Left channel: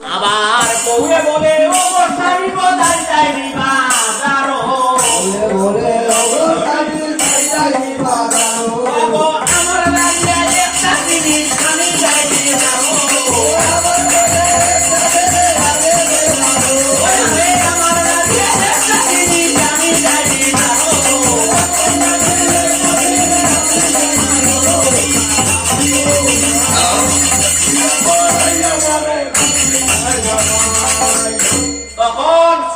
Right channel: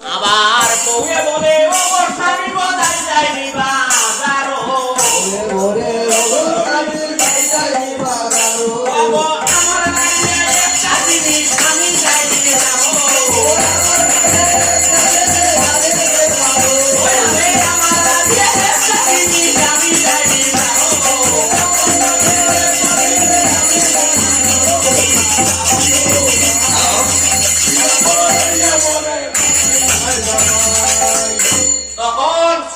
আবার বউয়ে বলে ও স্বামী বদাই বাজারো ওরে স্বামী বাবু আমার একটা জিনিস আমি আমার লাগিয়া একটা জিনিস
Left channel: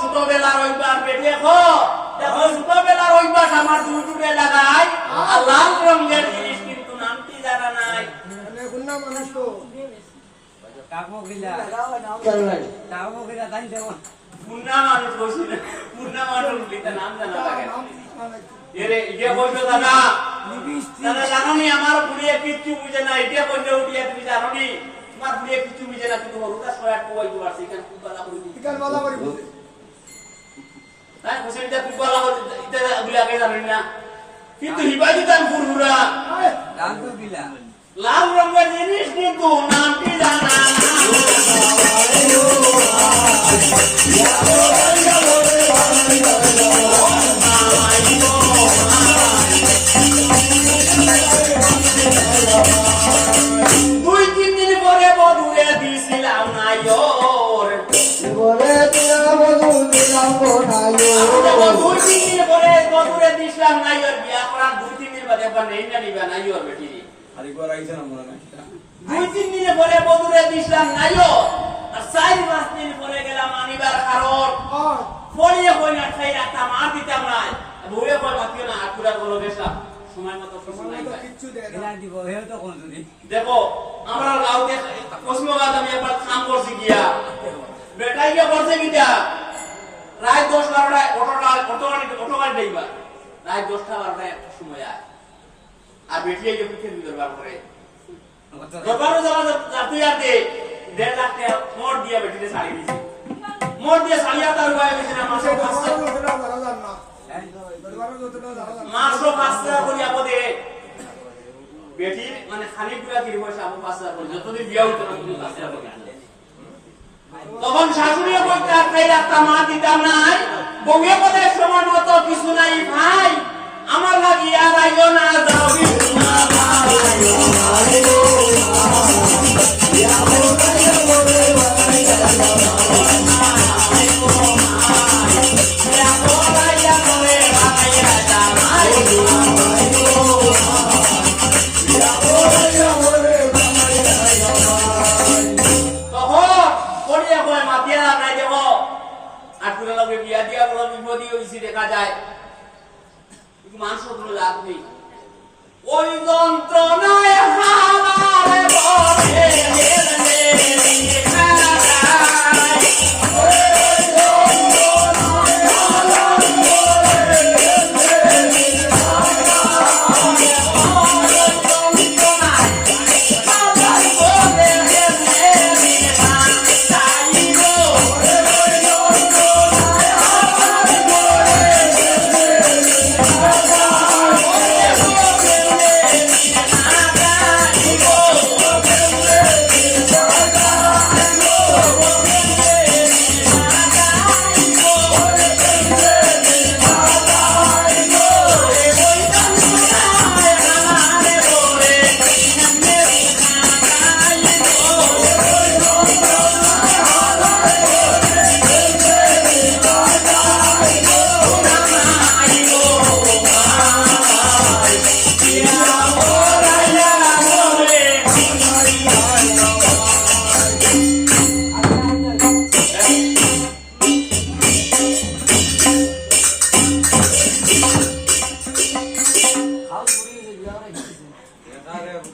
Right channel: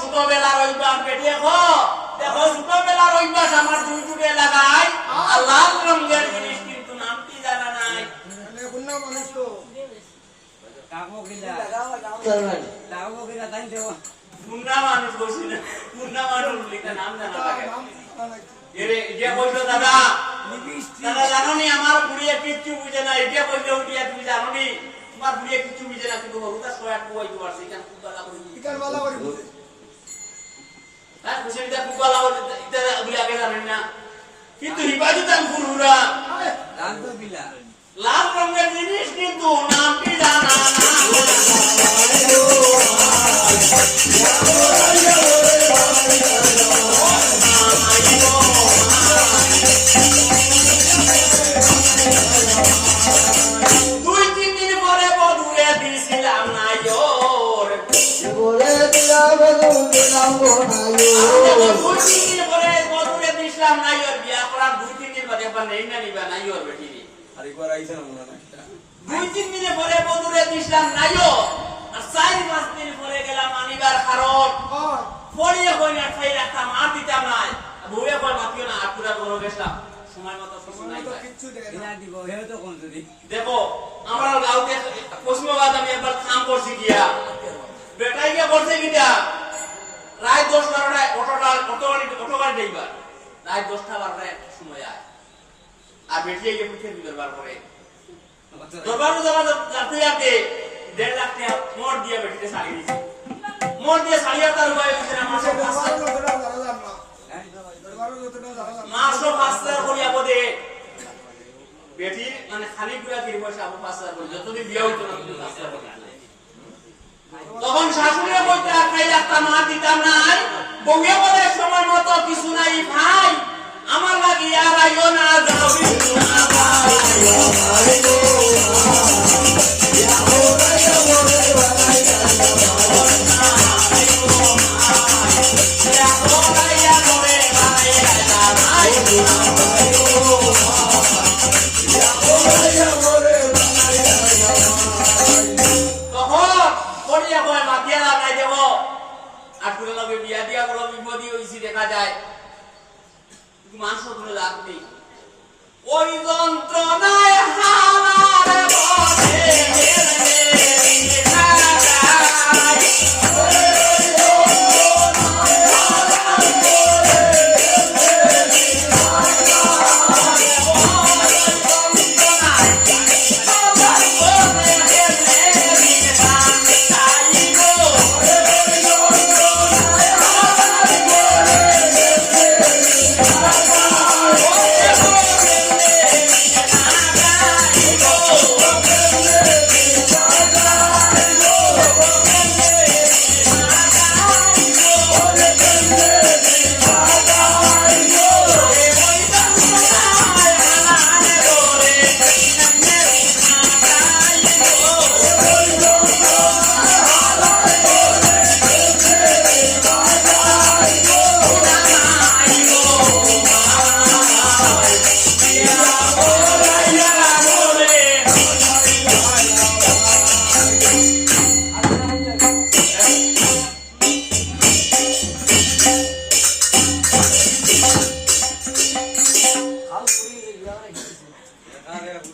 ছোটবেলার অভ্যাস বেটি দেখো। দেখো ছোটবেলার অভ্যাস আমার দুই দুটো লাগাই আর লাল রঙের জিনিস কিন্তু নামটি জানা নাই? কুন্না মানুষ তো। নাম আমার বুড়িয়ে কিচ্ছু বুঝে না। এটা বললে উঠিয়ে তুমি জানো নি তোমার বুড়িয়ে কিচ্ছু বুঝে না। কিন্তু ছয় আট কোয়াই তোমার সেখানে বালা করে এটা খুব ভালো করে এটা বলে আগে জানেন না কিন্তু হিবাজি তার ফুরফুরা লাল রঙের জিনিস কিন্তু নামটি জানা না দুই তিন দিন পরে বধুরে দিছিলাম নাইর বলে দিয়া বধু দিলাম না দুই তিন দিনে পরে বধুরে দিছিলাম নাইও আর চার পাঁচ দিন পরে গেলাম আনিবার কারণ ফলিয়ে কই না খাই রাখতাম আর দিতাম নাই বউয়ে কই মাতিও না আর পুরা গলো গেছিলাম দেখে, আমার পশ্চিমবঙ্গ আমি একবার কাম করছি গিয়া। বেটাই গিয়া করছে গিয়া রাত দশ বারোটায় অটোটা অটো গাড়ি অটো গাড়ি দেখবা রাত দশটা বারোটায় একটা সময় আয়। আর বেটিয়ে গিয়ে পিঠে দরবার করে দরবারও যাওয়া যাতে যাতে দেড় লাখ টাকা দিয়ে বেটিতে দিয়েছে। দিয়ে তার উপায় না মাসে মাসও পাঁচ করি আপদে বেটি মানে খালি পুরা পয়সা পাঁচ হাজার করি। যতদিন বিয়া হইতো না পাঁচ। তখন শাশুড়িও বলতে আর খাই রাস্তা মা দিতাম নাই। বউয়ে বলে সময় মতো কিছু নাই, ভাই। আমার লাগি আর আইও না। বিয়া দিয়া বড় বিপদি হইছি দেখা যায় মানুষ লাগবে ওই যন্ত্রণায় হাওয়ার